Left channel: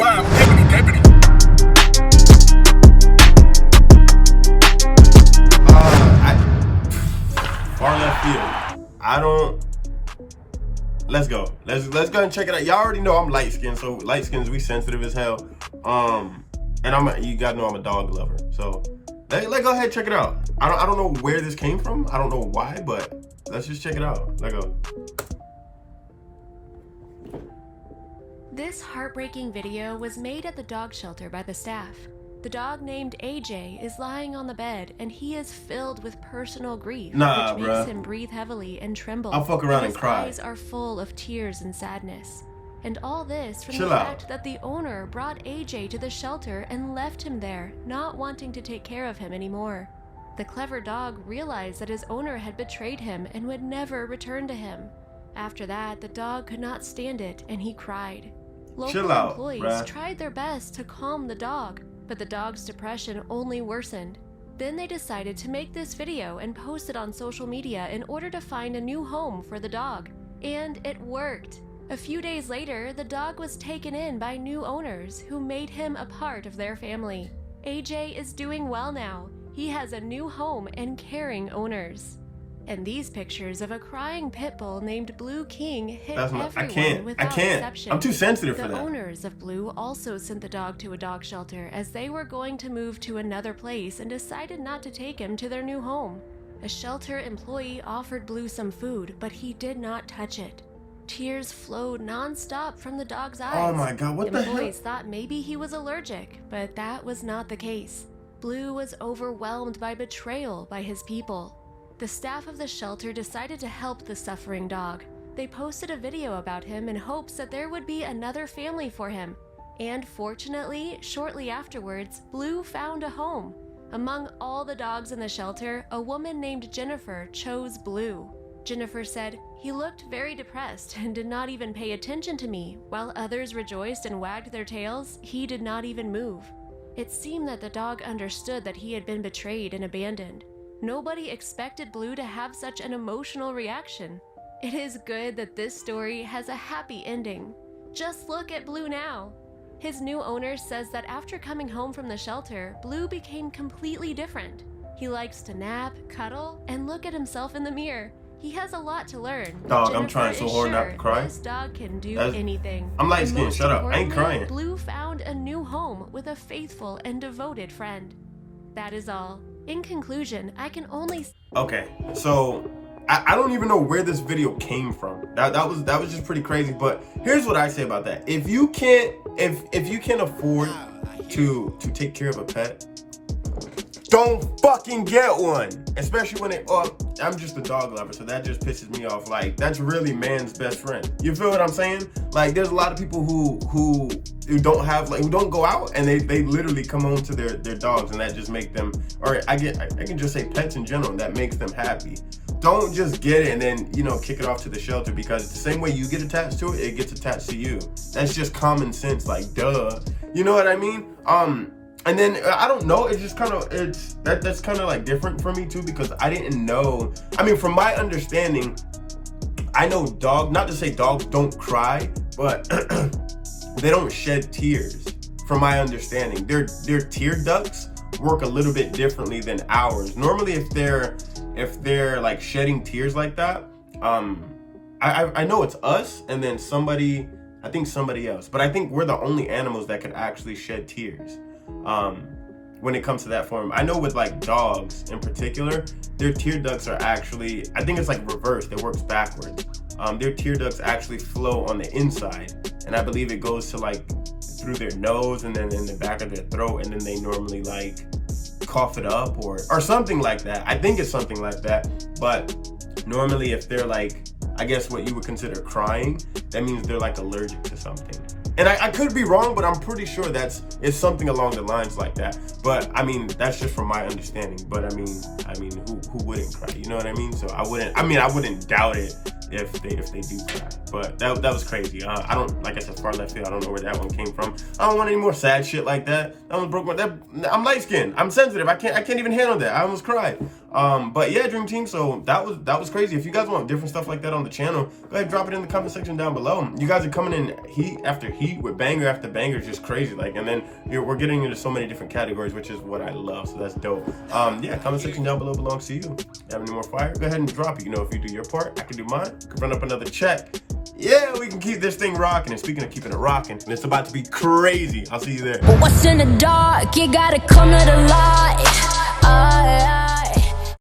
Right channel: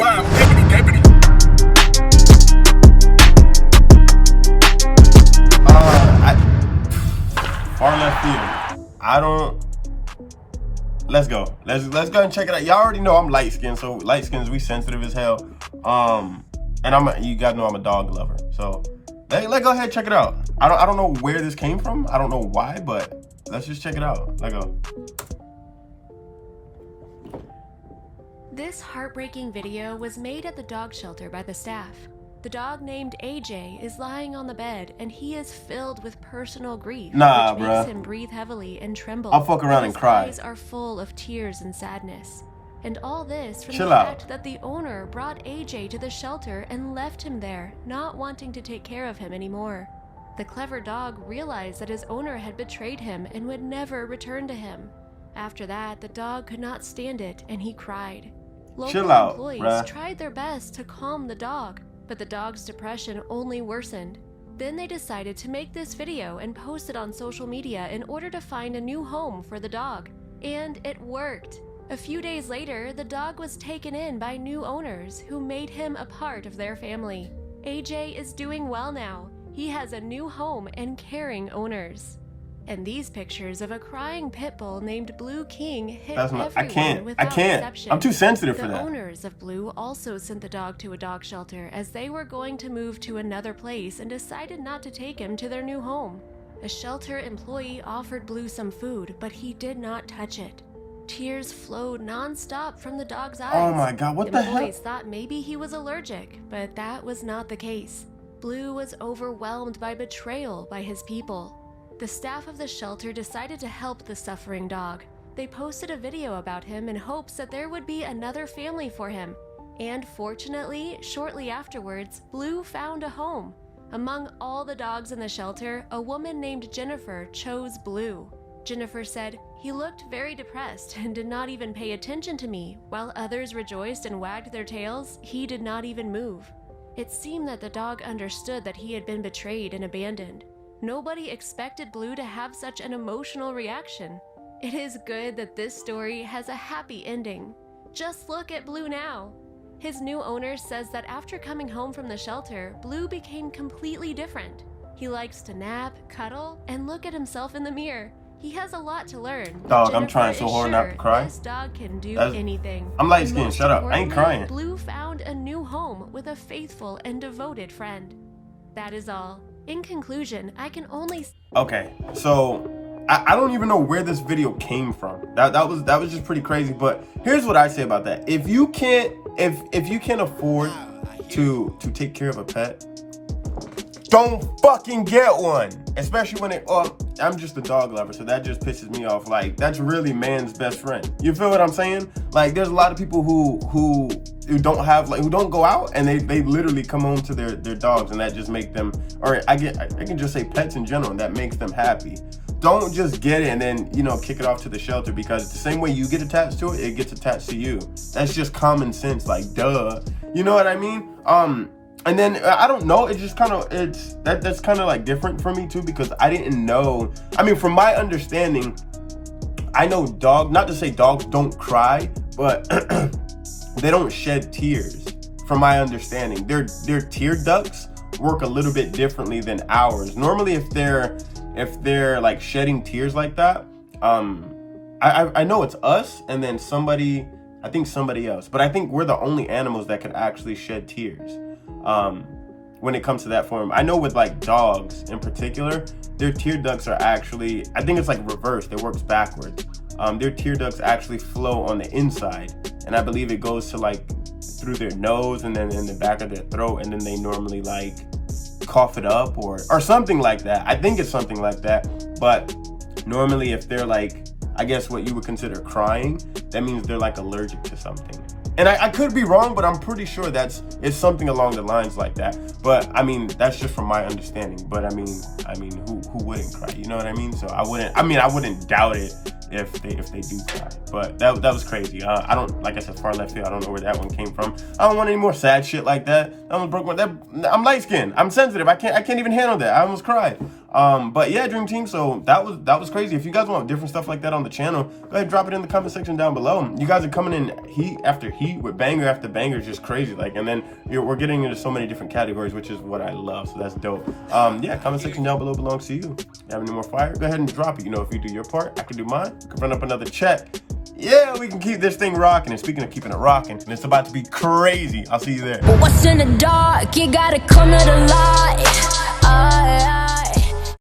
Wow, deputy. Far left field. I don't. Let's go. Let's go and check it out. Y'all already know I'm light skinned, so light skins we sensitive as hell. And you guys know I'm a dog lover. So let's go ahead and check it out. I don't know where this came from. I don't know why, but let's just check it out. Let's go. This heartbreaking video was made at the dog shelter by the staff. The dog named AJ is lying on the bed and he is filled with personal grief, which makes him breathe heavily and tremble. I'll fuck around and cry. His eyes are full of tears and sadness. And all this from the fact that the owner brought AJ to the shelter and left him there, not wanting to take care of him anymore. The clever dog realized that his owner had betrayed him and would never return to him. After that, the dog could not stand it and he cried. Local employees tried their best to calm the dog, but the dog's depression only worsened. Then they decided to make this video and post it on social media in order to find a new home for the dog. And it worked. A few days later, the dog was taken in by new owners who made him a part of their family. AJ is doing well now. He has a new home and caring owners. And these pictures of a crying pit bull named Blue King hit everyone without exception. I'm too sensitive for that. The owners of Blue also sent the dog to a dog shelter as they were going to move to another place and decided not to take him to their new home. A shelter employee offered Blue some food, but he did not touch it. Tears flowed non-stop from the dog's eyes. Oh my God, what the hell? Employees thought maybe he was allergic, but that was not the case. Blue was overwhelmed by betrayal by his people. The staff of the shelter decided to help the suffering dog. They posted a video about him in hopes that there would be another family for him. And fortunately, shortly afterwards, Blue found a home. Among all the dogs in the shelter, a woman named Jennifer chose Blue. Jennifer said, "He looked very depressed and did not even pay attention to me. While others rejoiced and wagged their tails, he did not even move." It seemed that the dog understood that he had been betrayed and abandoned. Nobody expected Blue to have such an emotional reaction. It is good that this story has a happy ending. Just look at Blue now. His new owner says that after coming home from the shelter, Blue became completely different. He likes to nap, cuddle, and look at himself in the mirror. He has a lot to learn. Dog, I'm trying so hard not to cry. This dog can do anything. I'm light skinned, shut up. I ain't crying. Blue found a new home with a faithful and devoted friend. That is all. In conclusion, I can only... Okay, so I don't even know where this video came from. That was just pretty crazy. But here's what I say about that: if you can't afford to take care of a pet, don't fucking get one. Especially when I'm just a dog lover, so that just pisses me off. Like, that's really man's best friend. You feel what I'm saying? Like, there's a lot of people who don't have, like, who don't go out, and they literally come home to their dogs, and that just make them, or I can just say pets in general, that makes them happy. Don't just get it and then, kick it off to the shelter, because the same way you get attached to it, it gets attached to you. That's just common sense, like, duh. You know what I mean? And then, I don't know, it's just that's kind of like different for me too, because I didn't know, I mean, from my understanding, I know not to say dogs don't cry, but they don't shed tears, from my understanding. Their tear ducts work a little bit differently than ours. Normally, if they're like shedding tears like that, I know it's us and then somebody else, but I think we're the only animals that could actually shed tears. When it comes to that form. I know with like dogs in particular, their tear ducts are actually, I think it's like reversed, it works backwards. Their tear ducts actually flow on the inside, and I believe it goes to like through their nose and then in the back of their throat, and then they normally like cough it up or something like that. I think it's something like that, but normally if they're like, I guess what you would consider crying, that means they're like allergic to something. And I could be wrong, but I'm pretty sure it's something along the lines like that. But I mean, that's just from my understanding. But I mean, who wouldn't cry? You know what I mean? So I wouldn't doubt it if they do cry. But that was crazy. I don't, like I said, far left field. I don't know where that one came from. I don't want any more sad shit like that. I almost broke I'm light skinned. I'm sensitive. I can't even handle that. I almost cried. But yeah, Dream Team, so that was crazy. If you guys want different stuff like that on the channel, go ahead and drop it in the comment section down below. You guys are coming in heat after heat with banger after banger, just crazy. Like, and then we're getting into so many different categories, which is what I love, so that's dope. Yeah, comment section down below belongs to you. If you have any more fire, go ahead and drop it. You know, if you do your part, I can do mine. We can run up another check. Yeah, we can keep this thing rocking. And speaking of keeping it rocking, and it's about to be crazy. I'll see you there. But what's in the dark? You gotta come to the light.